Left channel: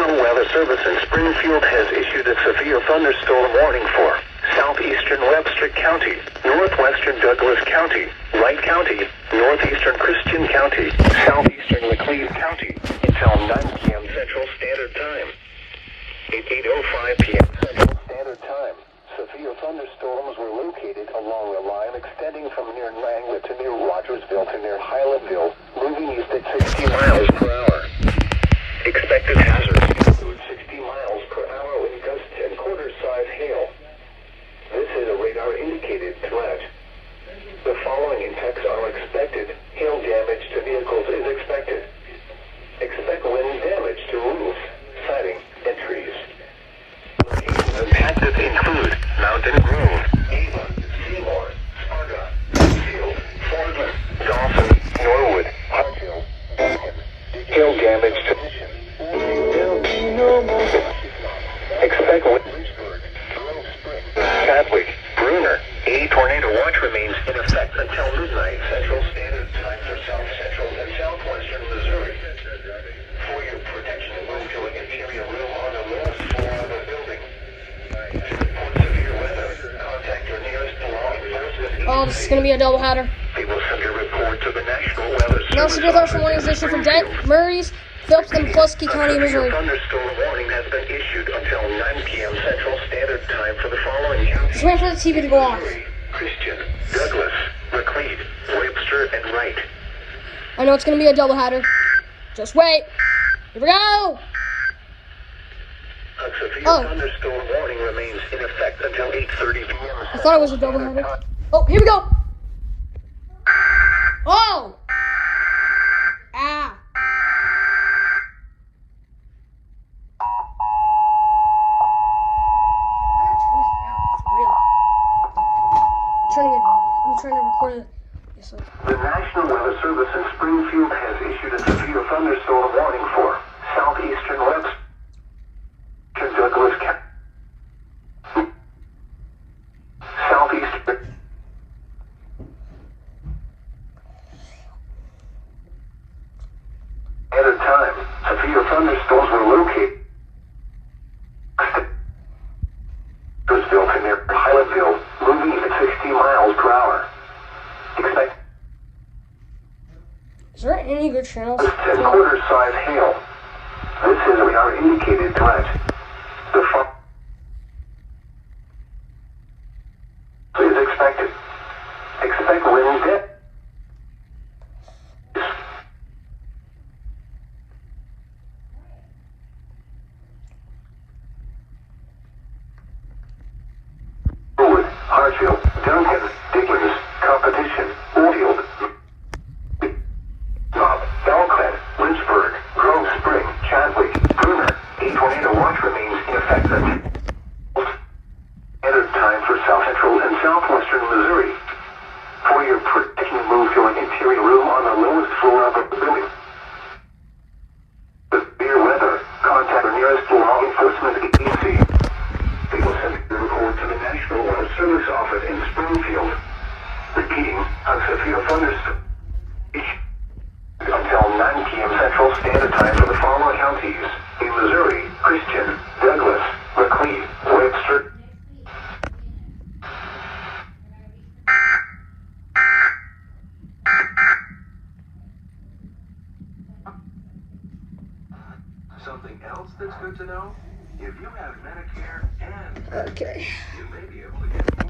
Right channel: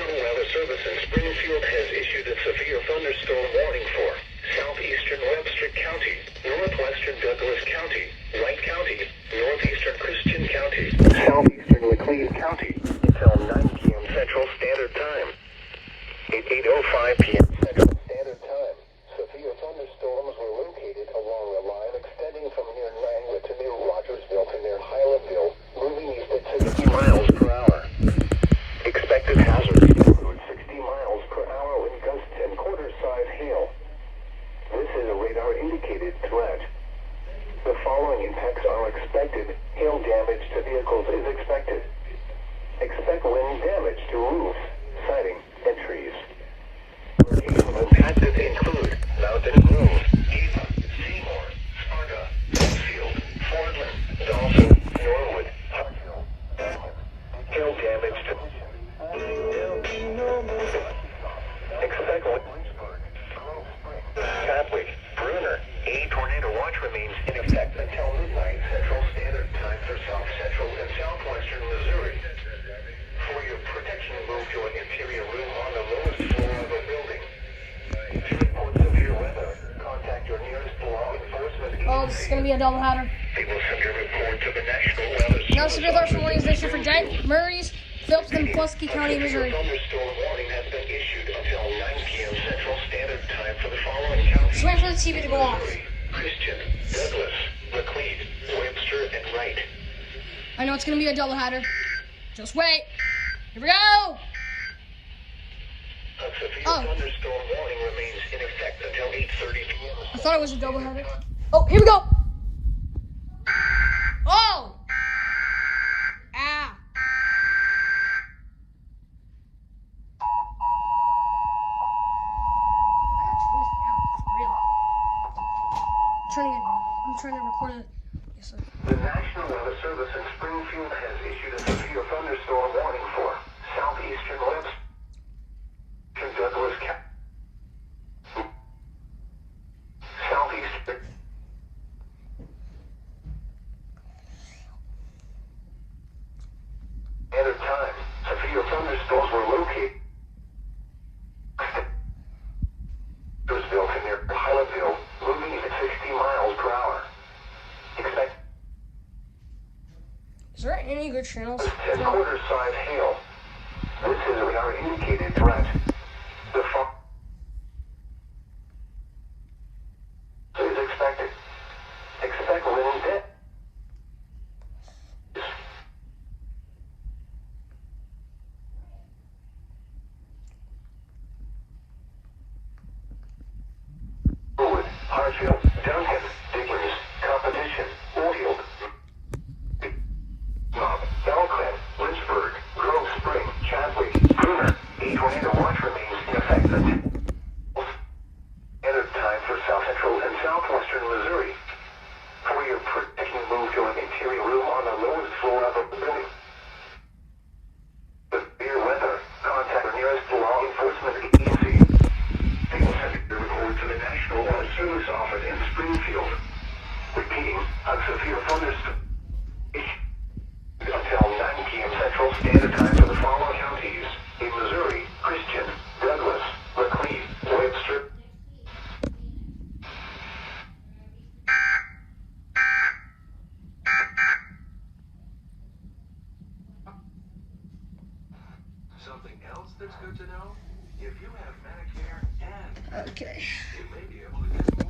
National Weather Service in Springfield has issued a severe thunderstorm warning for southeastern Webster County, northwestern Douglas County, Wright County, northeastern Christian County, southeastern Laclede County until 9 p.m. Central Standard Time. At 8:05 p.m. Central Standard Time, severe thunderstorms were located along a line extending from near Langlet to near Rogersville to near Highlandville, moving east at 60 miles per hour. Expected hazards include 60 miles per hour wind gusts and quarter-size hail. This is a radar-indicated threat. The following impacts are expected. Hail damage to vehicles is expected. Expect wind damage to roofs, siding, and trees. Locations impacted include Mountain Grove, Ava, Seymour, Sparta, Field, Fordland, Dolphin, Norwood, Harthill, Duncan. Hail damage to expect Lynchburg, Grove Spring, Chadwick, Bruner. A tornado watch remains in effect until midnight Central Standard Time for South Central and Southwestern Missouri. For your protection, move to an interior room on the lowest floor of a building. To report severe weather, contact your nearest law enforcement. Oh, this is going to be a doubleheader. They will send a report to the National Weather Service. Now, severe thunderstorm warning is issued for Dent, Murray's, Phelps, and Pulaski County, Missouri. A thunderstorm warning has been issued until 9 p.m. Central Standard Time for the following counties. Just wait for the TV to go off. Christian, Douglas, Laclede, Webster, and Wright. I know it's going to be a doubleheader. Just wait. Here we go. A severe Oh. thunderstorm warning remains in effect until 8:30 p.m. I thought it was a doubleheader. Oh, here we go. Oh. Ah. I'm trying to record it. Yes, The National Weather Service in Springfield has issued a severe thunderstorm warning for southeastern Webster, Douglas County, southeastern. At a time, severe thunderstorms were located. Was built in near Highlandville, moving at 60 miles per hour. Expect is there any good channels? and quarter-size hail. This is a radar-indicated threat. The fall is expected. Expect wind depth. Norwood, Hartfield, Duncan, Dickens, Competition, Oldfield, Knob, Belclad, Lynchburg, Grove Spring, Chadwick, Bruner. A tornado watch remains in effect until standard time for South Central and Southwestern Missouri. For your protection, move to an interior room on the lowest floor of a building. Severe weather, contact your nearest law enforcement agency. They will send a report to the National Weather Service office in Springfield. Repeating, a severe thunderstorm until 9 p.m. Central Standard Time for the following counties in Missouri: Christian, Douglas, Laclede, Webster. Something else that's good to know? If you have Medicare and Okay. you may be able to get more